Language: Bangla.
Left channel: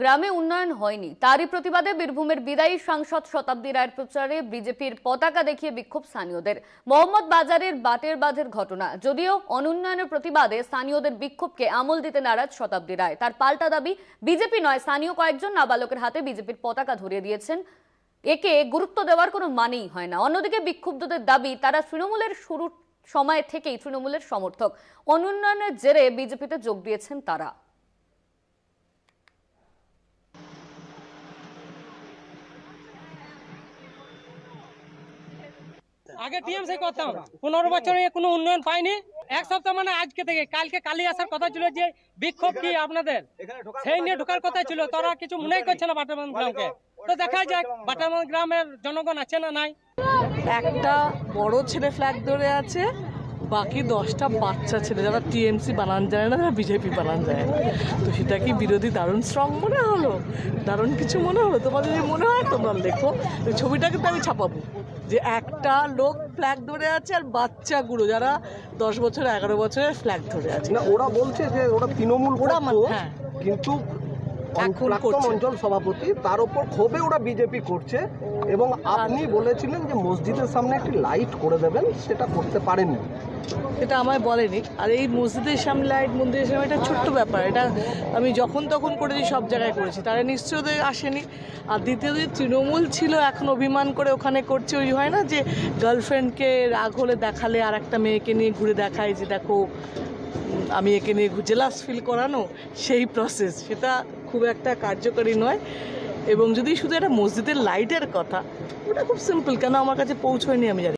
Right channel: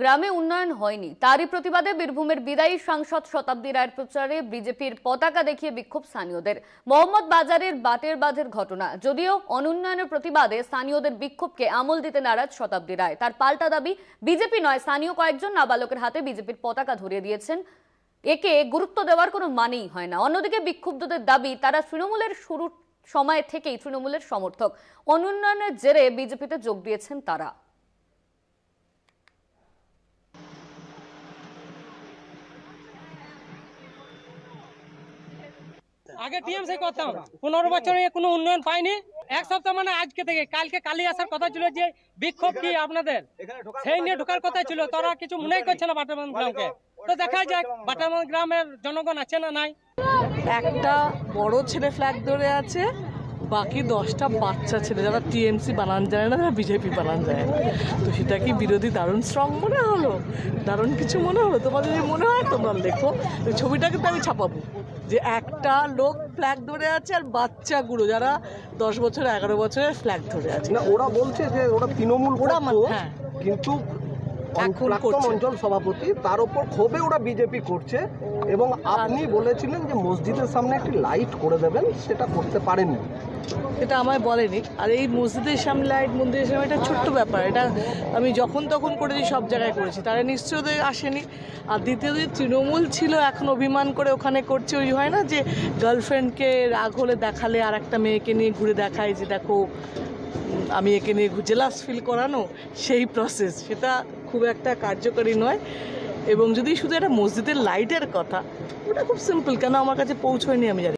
গ্রামে উন্নয়ন হয়নি, তারই প্রতিবাদে বীরভূমের বিদায়ী সাংসদ শতাব্দী রায়ের প্রচারে বিজেপির পতাকা দেখিয়ে বিক্ষোভ স্থানীয়দের। মোহাম্মদ বাজারের বাটের বাঁধের ঘটনা, যদিও অনুন্নয়নের প্রতিবাদে স্থানীয়দের বিক্ষোভকে আমল দিতে নারাজ শতাব্দী রায়। তার পাল্টা দাবি, বিজেপি নয়, স্থানীয় কয়েকজন নাবালকের হাতে বিজেপির পতাকা ধরিয়ে দিয়েছেন, একে গুরুত্ব দেওয়ার কোনো মানেই হয় না। অন্যদিকে বিক্ষুব্ধদের দাবি, তারা তৃণমূলের শুরুর সময় থেকেই তৃণমূলের সমর্থক, অনুন্নয়নের জেরে বিজেপিতে যোগ দিয়েছেন তারা। আগে টিএমসি করতাম, 15 বছরে কোনো উন্নয়ন পাইনি। এক সপ্তাহ মানে আজকে থেকে কালকে কালি আসার কথা ছিল, যে বিক্ষোভ কি আপনাদের সেই নিয়ে ঢোকার কথা ছিল, তারা কিছু মনে করছে না বাটারবাঁধ গ্রামকে। তো দেখা যাক বাটারবাঁধ গ্রামের জনগণ আছে না নাই। একটা বড় ছেলে ফ্ল্যাগ ধরে আছে, বাকি 10টা বাচ্চা ছেলে যারা টিএমসি বানান যায় না, যারা বিজেপি বানান যায় না। তো সেটা কি বিরোধী দারুণ স্ট্রং মনে হলো, দারুণ কিছু মনে হলো? তোমাদের যদি মনে হয় তোমরা লেখো, ওই ছবিটা কিন্তু আমি ছাপাবো, যে একটা লোক ফ্ল্যাগ ধরে আছে আর বাচ্চাগুলো যারা 10 বছর 11 বছরের ফ্ল্যাগ ধরে আছে। ওরা বলছে যে ওরা তৃণমূল, ওরা হ্যাঁ, কিন্তু অঞ্চল সভাপতি তার উপর ক্ষোভে ওরা বিজেপি করছে। এবং আপনি বলেছিলেন যে মসজিদের সামনে একটি লাইট করে দেবেন, সেটা করতে পারেননি। এটা আমায় বলেনি। আর এই মসজিদের সামনে লাইট, মন্দিরের সামনে, এটা ছোট্ট ব্যাপার, এটা আমি যখন তখন করেছি, সব জায়গায় করেছি, তারা নিশ্চয়ই আসেনি। আর দ্বিতীয়ত, তৃণমূল ছিল, এখন অভিমান করে ওখানে করছে। ওই হয় না যে গার্লফ্রেন্ডকে রাগ হলে দেখালে আর একটা মেয়েকে নিয়ে ঘুরে দেখায় যে দেখো আমি একে নিয়ে জেলাস ফিল করানো, সেই প্রসেস, সেটা খুব একটা কার্যকরী নয়। এবং যদি শুধু একটা মসজিদের লাইটের কথা, ওটা খুব সিম্পল, কেন আমার কাছে পৌঁছয়নি আমি জানি।